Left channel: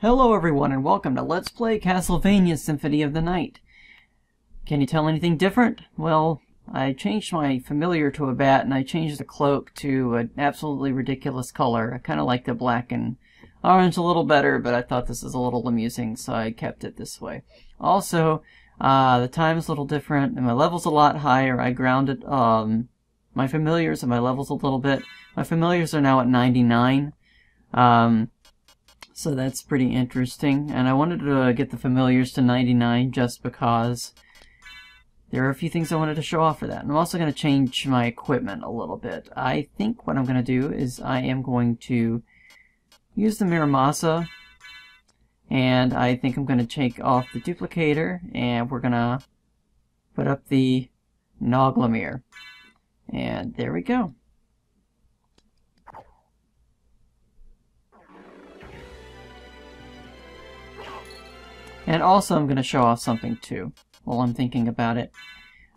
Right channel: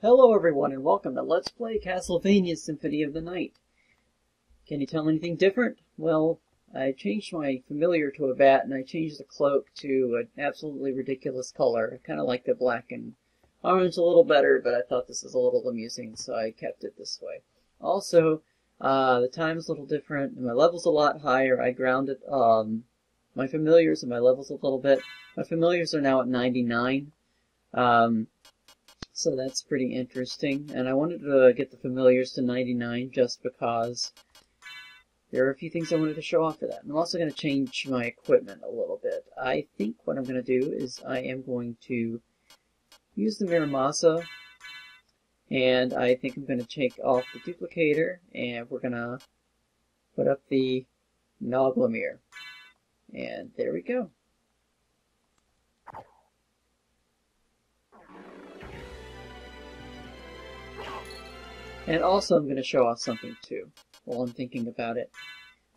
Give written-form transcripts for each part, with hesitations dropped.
Hello everyone and welcome to Let's Play Castlevania Symphony of the Night. Can you tell anything different? Well, I changed my familiar to a bat and I changed the cloak to an absolutely ridiculous color. I kind of like the black and orange a little better, but I thought this is a little amusing, so I kept it this way. Also, the time's a little different and my level's a lot higher. I grounded my familiars and my levels a little bit. My familiars are now at 99. So that's pretty interesting, and I wanted to get the familiars to 99 just because there are a few things I wanted to show off for that. And I'm also going to change my equipment a little bit. I think what I'm going to do is I am going to use the Miramasa, and I think I'm going to take off the duplicator, and we're going to put up the Noglamir. And there we go. And also I'm going to show off something too, while I'm thinking about it.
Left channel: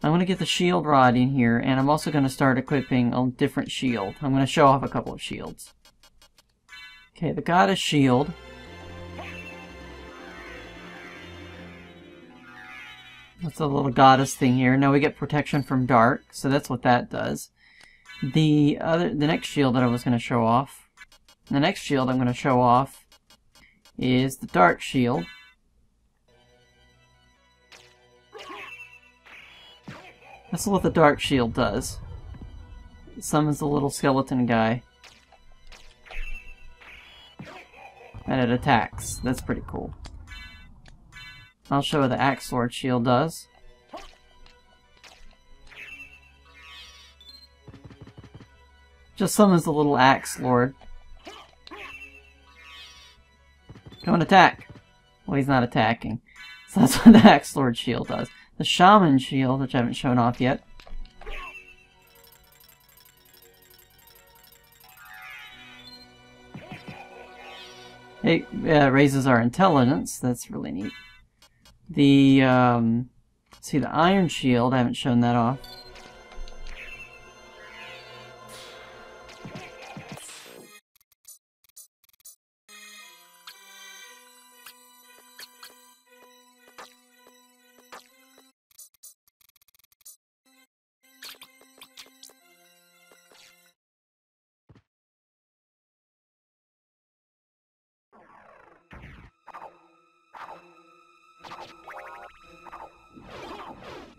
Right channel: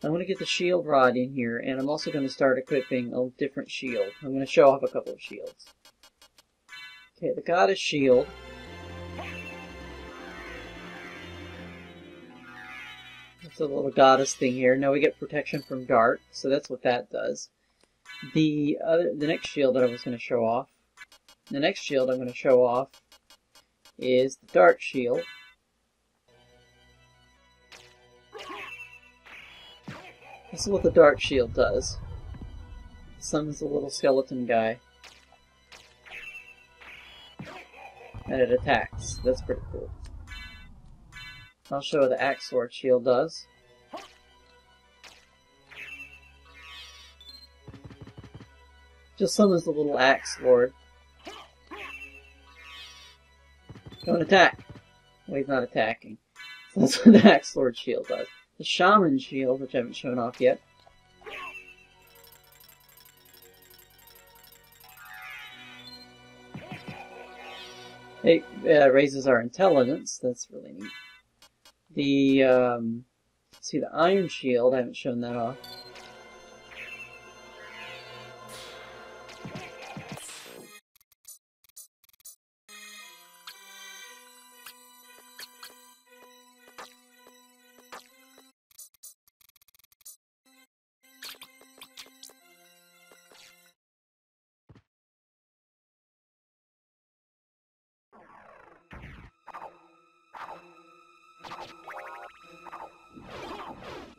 I'm going to get the shield rod in here, and I'm also going to start equipping a different shield. I'm going to show off a couple of shields. Okay, the Goddess Shield. That's a little goddess thing here. Now we get protection from dark, so that's what that does. The next shield that I was going to show off, the next shield I'm going to show off is the Dark Shield. That's what the Dark Shield does. It summons a little skeleton guy. And it attacks. That's pretty cool. I'll show what the Axe Sword Shield does. Just summons the little Axe Lord. Don't attack! Well, he's not attacking. So that's what the Axe Lord Shield does. The Shaman Shield, which I haven't shown off yet. It raises our intelligence. That's really neat. The see, the Iron Shield, I haven't shown that off.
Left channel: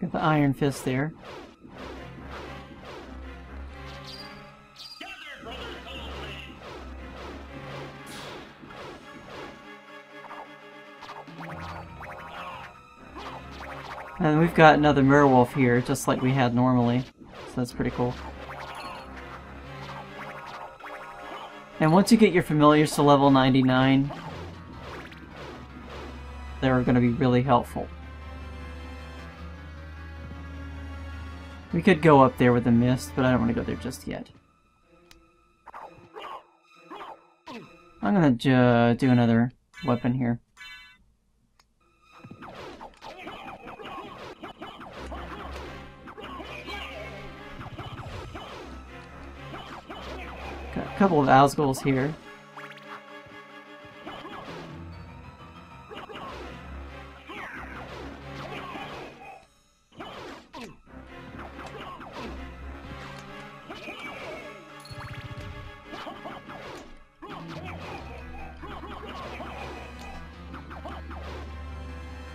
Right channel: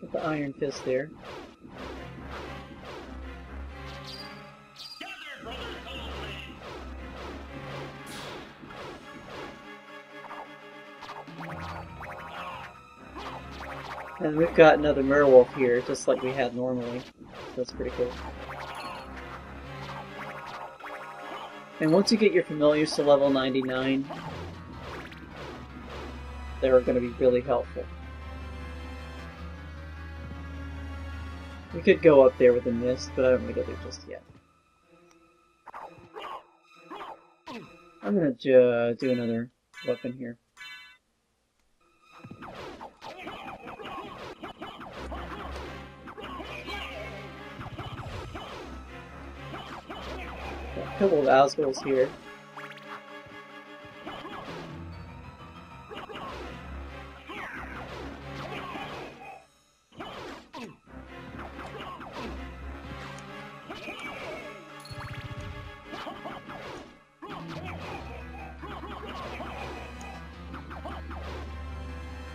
Got the Iron Fist there. And we've got another Merwolf here, just like we had normally. So that's pretty cool. And once you get your familiars to level 99, they're going to be really helpful. We could go up there with the mist, but I don't want to go there just yet. I'm going to do another weapon here. Got a couple of Asgulls here.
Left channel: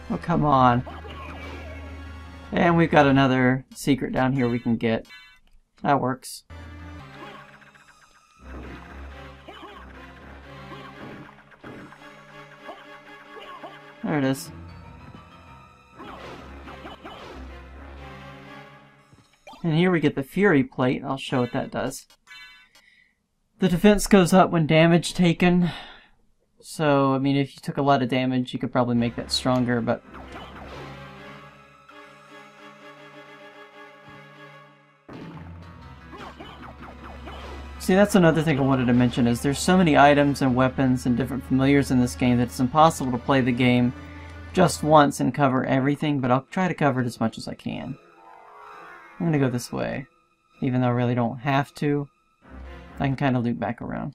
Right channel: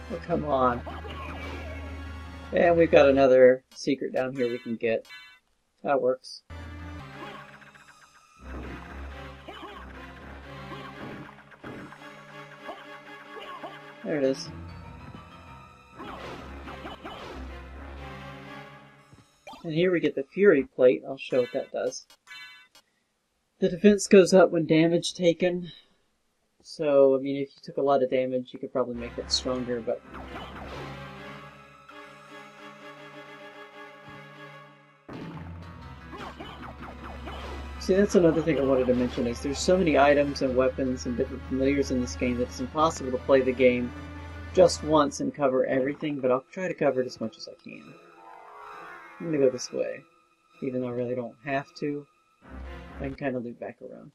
Oh, come on. And we've got another secret down here we can get. That works. There it is. And here we get the Fury Plate. I'll show what that does. The defense goes up when damage taken. So, I mean, if you took a lot of damage, you could probably make that stronger, but... See, that's another thing I wanted to mention, is there's so many items and weapons and different familiars in this game that it's impossible to play the game just once and cover everything, but I'll try to cover it as much as I can. I'm gonna go this way, even though I really don't have to. I can kind of loop back around.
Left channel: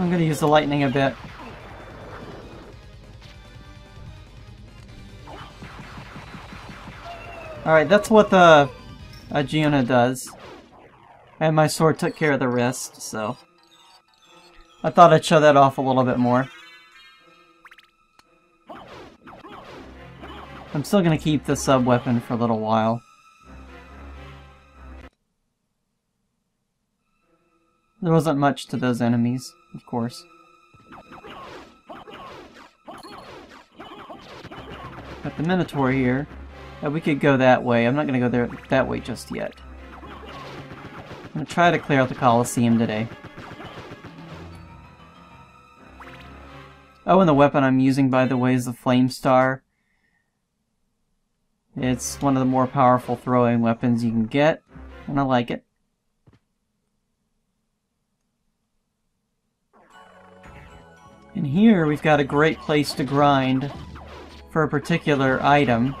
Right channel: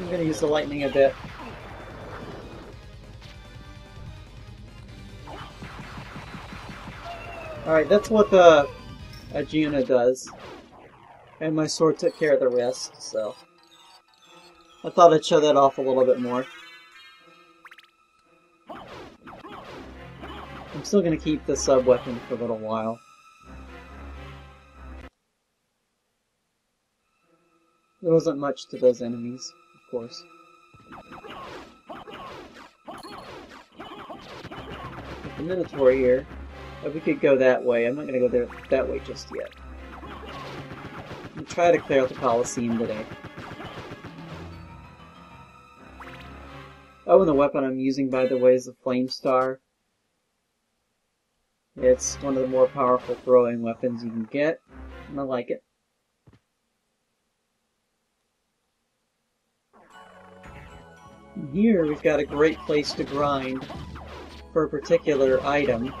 I'm gonna use the lightning a bit. Alright, that's what the Agiona does. And my sword took care of the rest, so I thought I'd show that off a little bit more. I'm still gonna keep the sub-weapon for a little while. There wasn't much to those enemies, of course. But the Minotaur here, we could go that way. I'm not gonna go there that way just yet. I'm gonna try to clear out the Colosseum today. Oh, and the weapon I'm using, by the way, is the Flame Star. It's one of the more powerful throwing weapons you can get, and I like it. And here we've got a great place to grind for a particular item.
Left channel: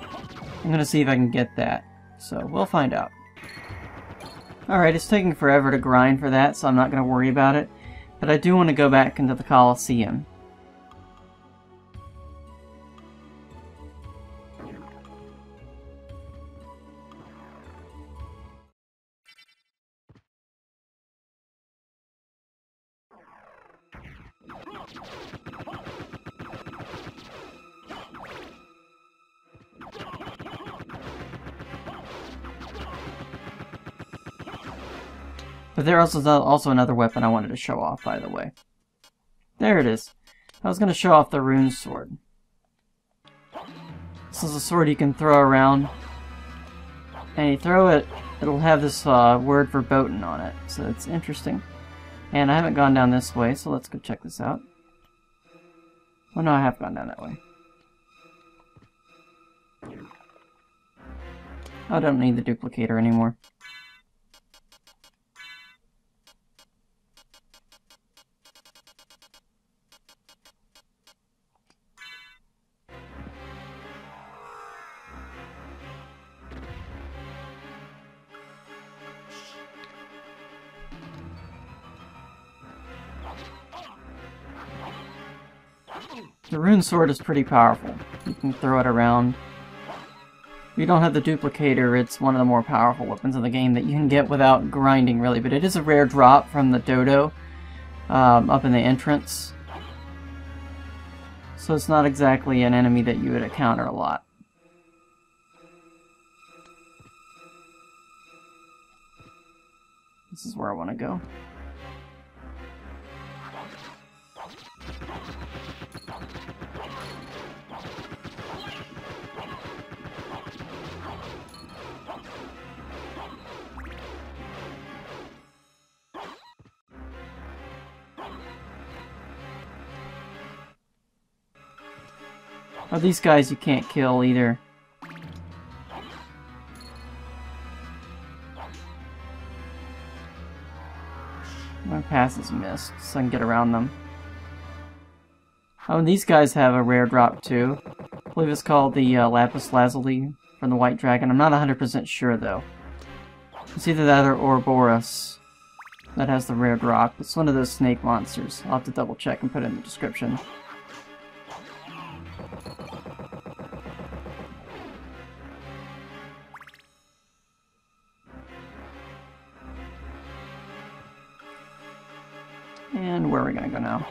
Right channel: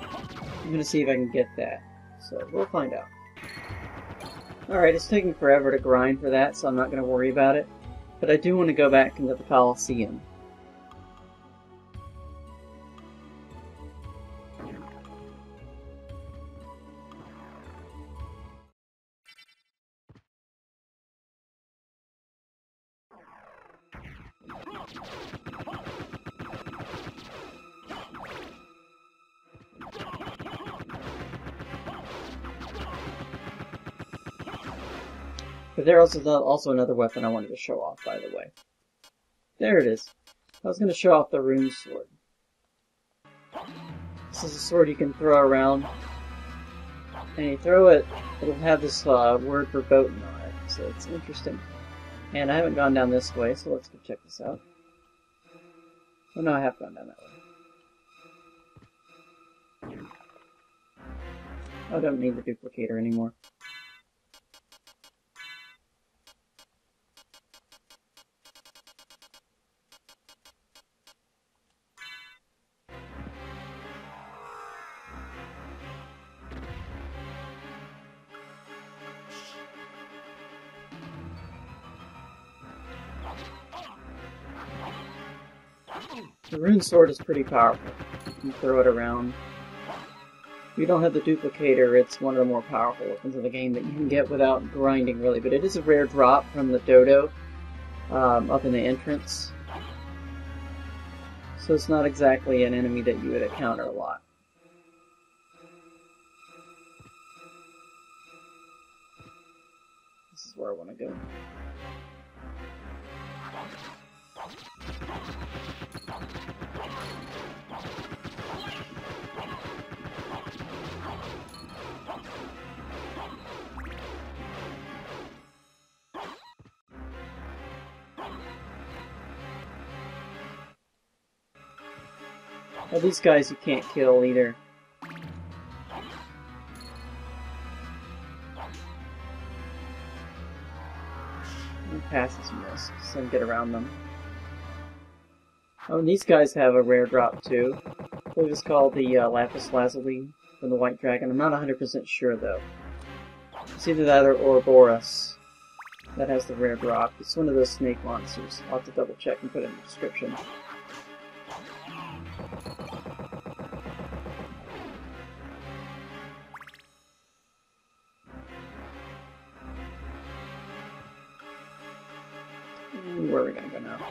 I'm gonna see if I can get that, so we'll find out. Alright, it's taking forever to grind for that, so I'm not gonna worry about it. But I do want to go back into the Colosseum. But there's also another weapon I wanted to show off, by the way. There it is. I was going to show off the Rune Sword. This is a sword you can throw around. And you throw it, it'll have this word verboten on it. So it's interesting. And I haven't gone down this way, so let's go check this out. Oh no, I have gone down that way. I don't need the duplicator anymore. The Rune Sword is pretty powerful. You can throw it around. If you don't have the duplicator, it's one of the more powerful weapons in the game that you can get without grinding, really. But it is a rare drop from the Dodo up in the entrance. So it's not exactly an enemy that you would encounter a lot. This is where I want to go. Oh, these guys you can't kill either. My path is missed, so I can get around them. Oh, and these guys have a rare drop too. I believe it's called the Lapis Lazuli from the White Dragon. I'm not 100% sure though. It's either that or Orborous that has the rare drop. It's one of those snake monsters. I'll have to double check and put it in the description. And where are we gonna go now?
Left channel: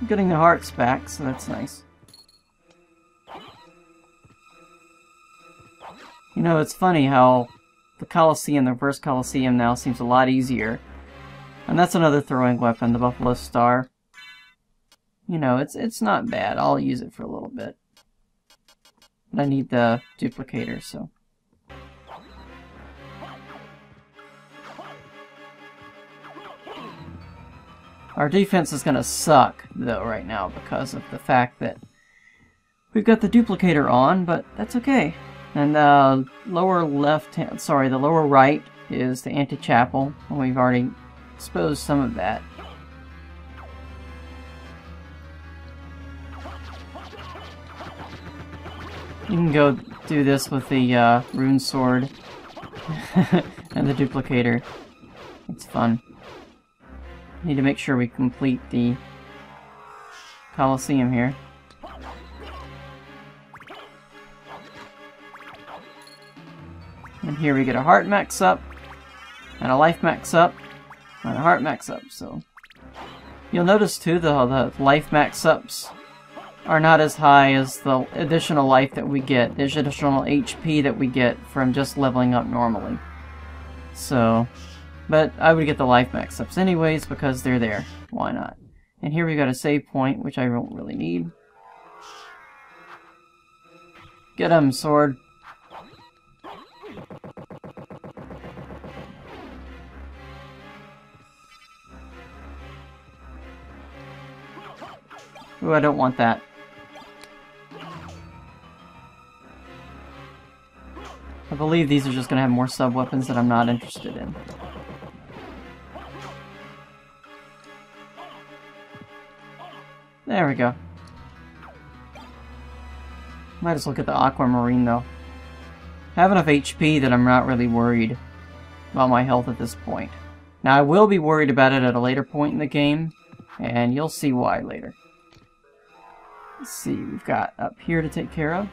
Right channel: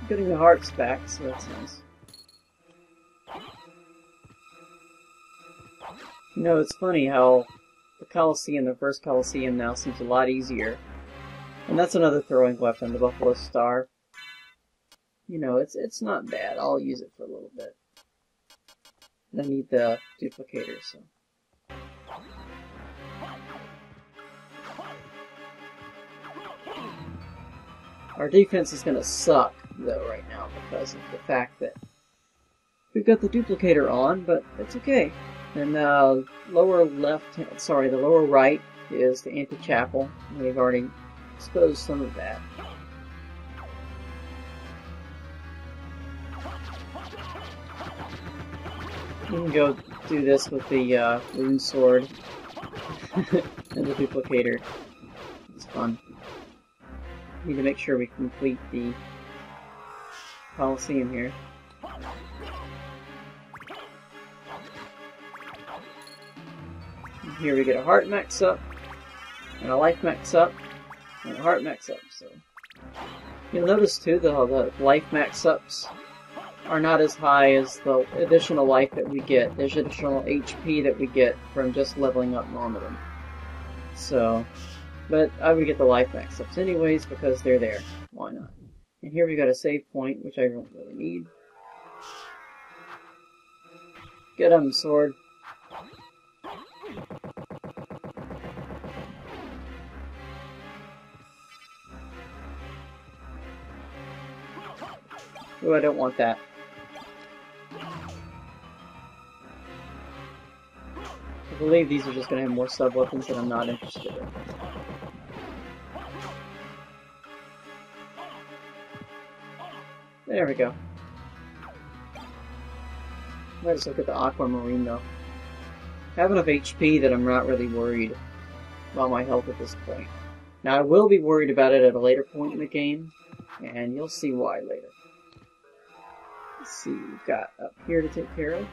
I'm getting the hearts back, so that's nice. You know, it's funny how the Colosseum, the Reverse Colosseum now seems a lot easier. And that's another throwing weapon, the Buffalo Star. You know, it's not bad. I'll use it for a little bit. But I need the duplicator, so. Our defense is gonna suck, though, right now, because of the fact that we've got the duplicator on, but that's okay. And the lower left hand, sorry, the lower right is the anti-chapel, and we've already exposed some of that. You can go do this with the Rune Sword and the duplicator. It's fun. Need to make sure we complete the Colosseum here. And here we get a heart max up, and a life max up, and a heart max up, so... You'll notice too, the life max ups are not as high as the additional life that we get, the additional HP that we get from just leveling up normally. So, but I would get the life max ups anyways because they're there. Why not? And here we got a save point, which I don't really need. Get him, sword. Ooh, I don't want that. I believe these are just going to have more sub-weapons that I'm not interested in. There we go. Might just look at the Aquamarine though. I have enough HP that I'm not really worried about my health at this point. Now I will be worried about it at a later point in the game, and you'll see why later. Let's see, we've got up here to take care of.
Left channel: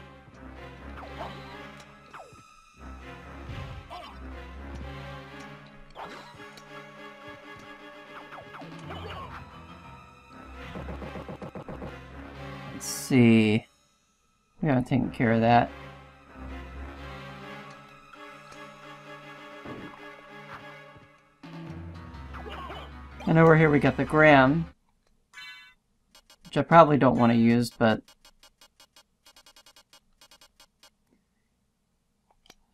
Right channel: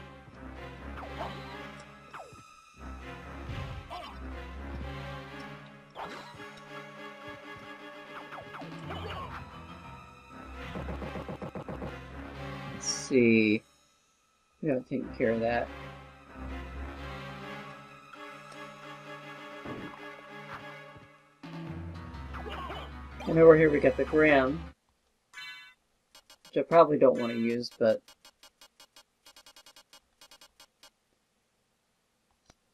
Let's see. We haven't taken care of that. And over here we got the Graham, which I probably don't want to use, but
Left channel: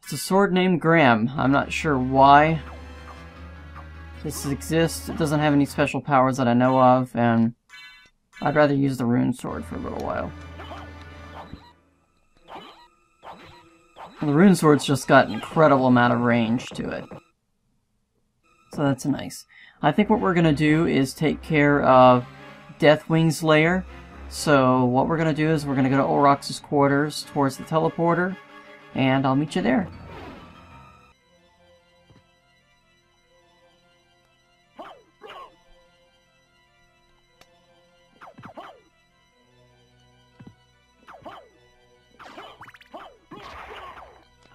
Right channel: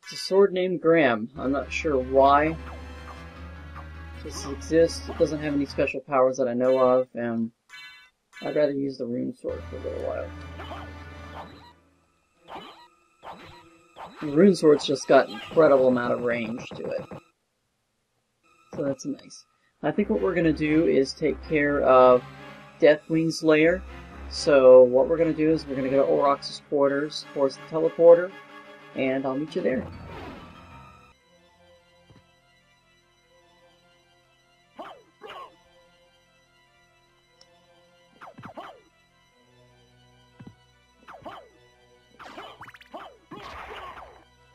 it's a sword named Graham. I'm not sure why this exists. It doesn't have any special powers that I know of, and I'd rather use the Rune Sword for a little while. And the Rune Sword's just got an incredible amount of range to it. So that's nice. I think what we're going to do is take care of Deathwing's lair. So what we're going to do is we're going to go to Orborous' quarters towards the teleporter, and I'll meet you there.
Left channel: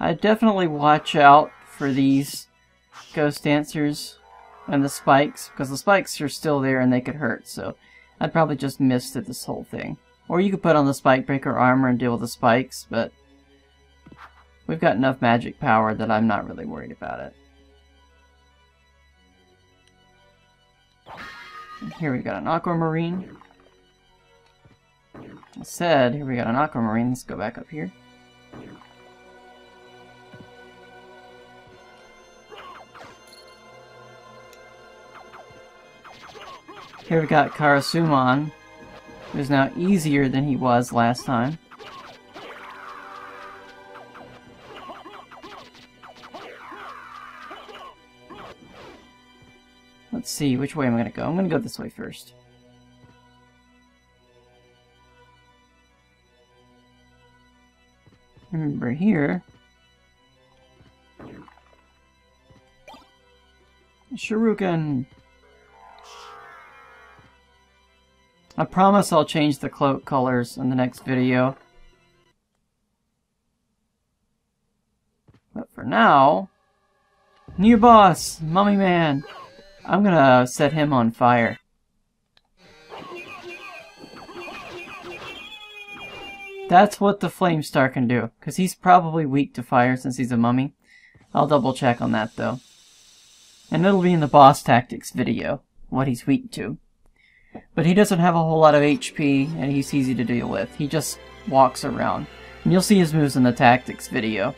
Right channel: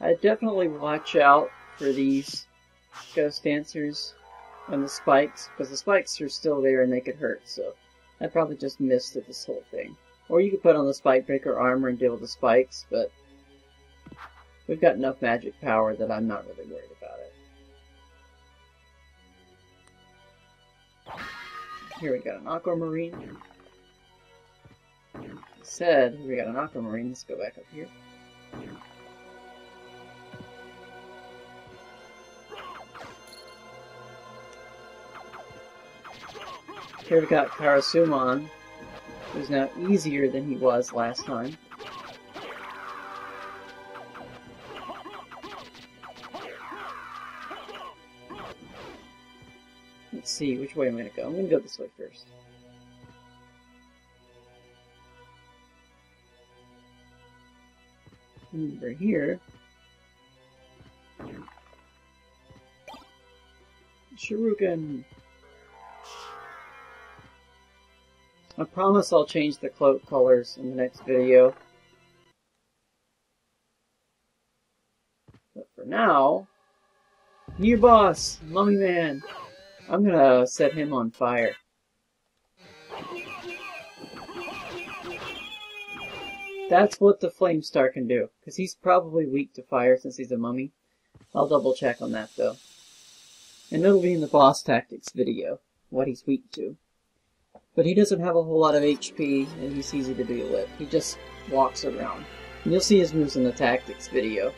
I definitely watch out for these ghost dancers and the spikes, because the spikes are still there and they could hurt, so I'd probably just miss this whole thing. Or you could put on the spike breaker armor and deal with the spikes, but we've got enough magic power that I'm not really worried about it. And here we got an Aquamarine. I said, here we got an Aquamarine. Let's go back up here. Here we got Karasuman, who's now easier than he was last time. Let's see, which way am I going to go? I'm going to go this way first. Remember here, Shuriken. I promise I'll change the cloak colors in the next video. But for now, new boss, Mummy Man. I'm gonna set him on fire. That's what the Flame Star can do, because he's probably weak to fire since he's a mummy. I'll double check on that though. And it'll be in the boss tactics video, what he's weak to. But he doesn't have a whole lot of HP, and he's easy to deal with. He just walks around. And you'll see his moves in the tactics video.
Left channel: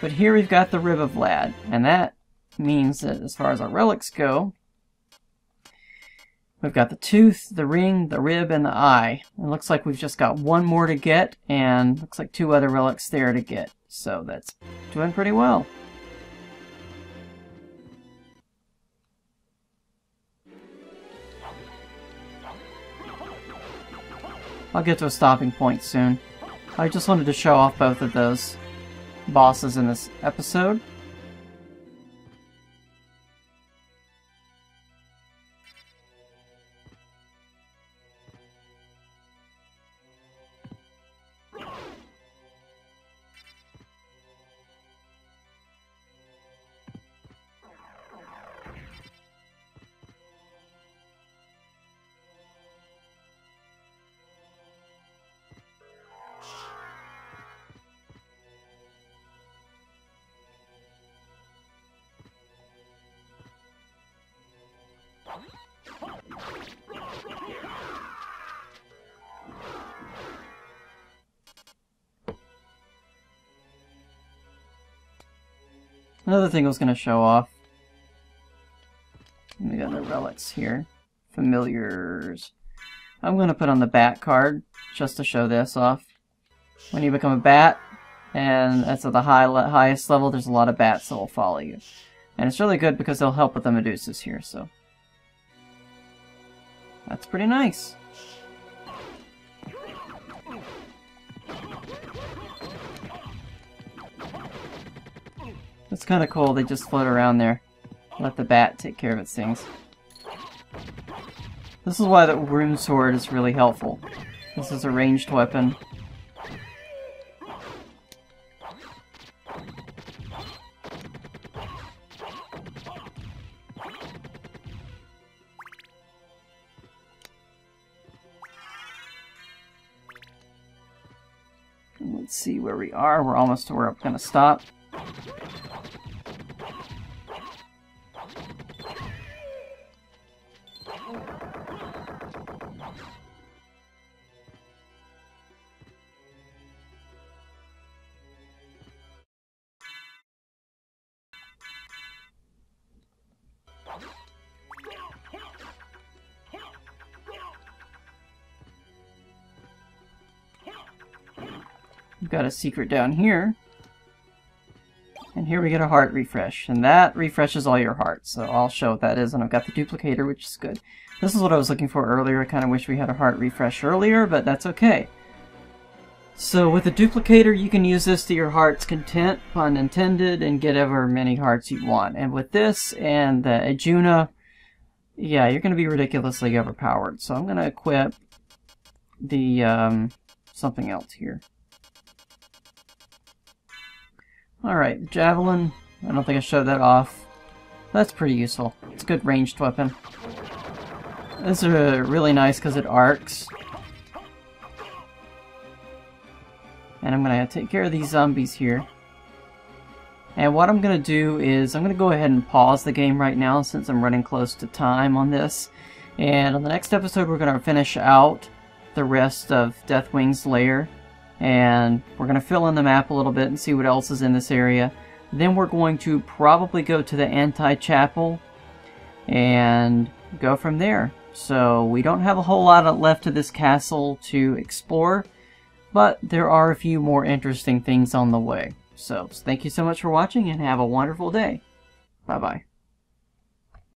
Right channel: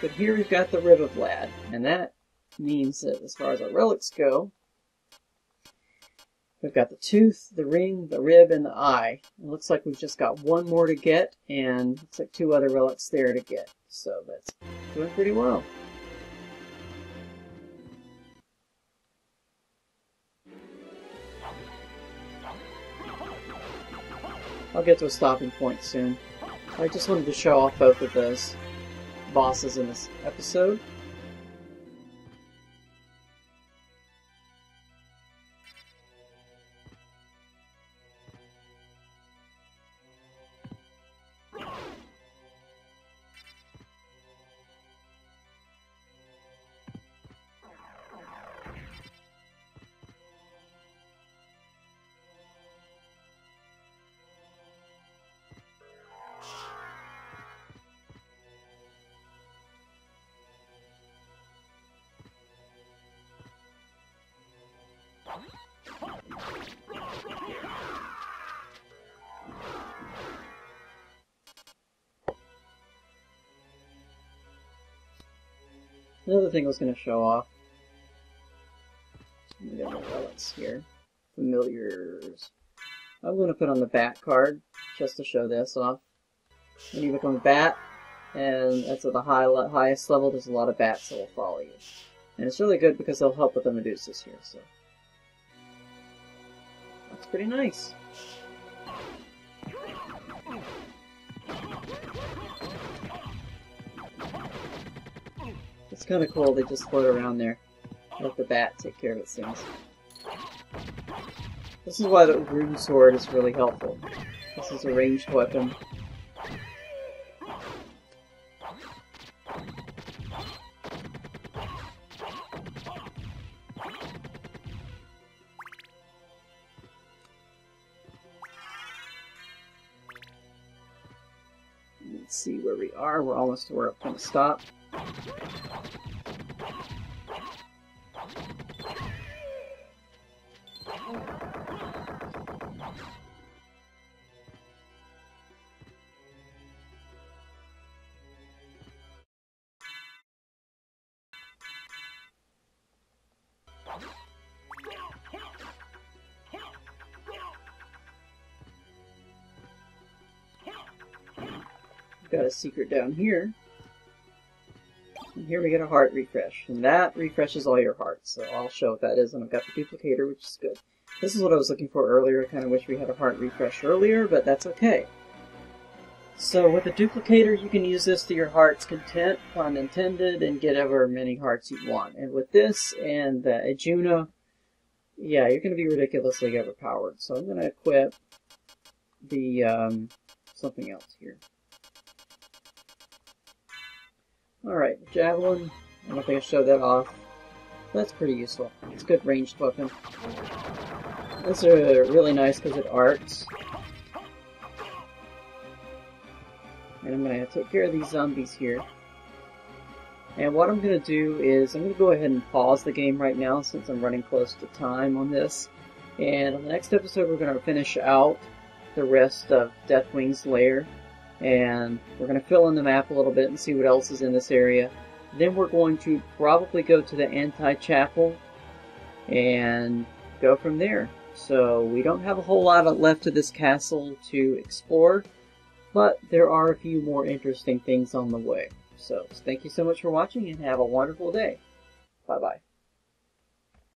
But here we've got the Rib of Vlad, and that means that as far as our relics go, we've got the tooth, the ring, the rib, and the eye. It looks like we've just got one more to get, and looks like 2 other relics there to get. So that's doing pretty well. I'll get to a stopping point soon. I just wanted to show off both of those. bosses in this episode. Another thing I was going to show off. We got the relics here. Familiars. I'm going to put on the bat card just to show this off. When you become a bat, and that's at the highest level, there's a lot of bats that will follow you. And it's really good because they'll help with the Medusas here, so. That's pretty nice. It's kind of cool, they just float around there. Let the bat take care of its things. This is why the Rune Sword is really helpful. This is a ranged weapon. Let's see where we are. We're almost to where I'm going to stop. We've got a secret down here. And here we get a heart refresh. And that refreshes all your hearts. So I'll show what that is. And I've got the duplicator, which is good. This is what I was looking for earlier. I kind of wish we had a heart refresh earlier, but that's okay. So with the duplicator, you can use this to your heart's content, pun intended, and get ever many hearts you want. And with this and the Ajuna, yeah, you're going to be ridiculously overpowered. So I'm going to equip the something else here. Alright, Javelin. I don't think I showed that off. That's pretty useful. It's a good ranged weapon. This is really nice because it arcs. And I'm going to take care of these zombies here. And what I'm going to do is I'm going to go ahead and pause the game right now since I'm running close to time on this. And on the next episode we're going to finish out the rest of Deathwing's Lair. And we're going to fill in the map a little bit and see what else is in this area. Then we're going to probably go to the Anti-Chapel and go from there. So we don't have a whole lot left of this castle to explore, but there are a few more interesting things on the way. So thank you so much for watching and have a wonderful day. Bye-bye.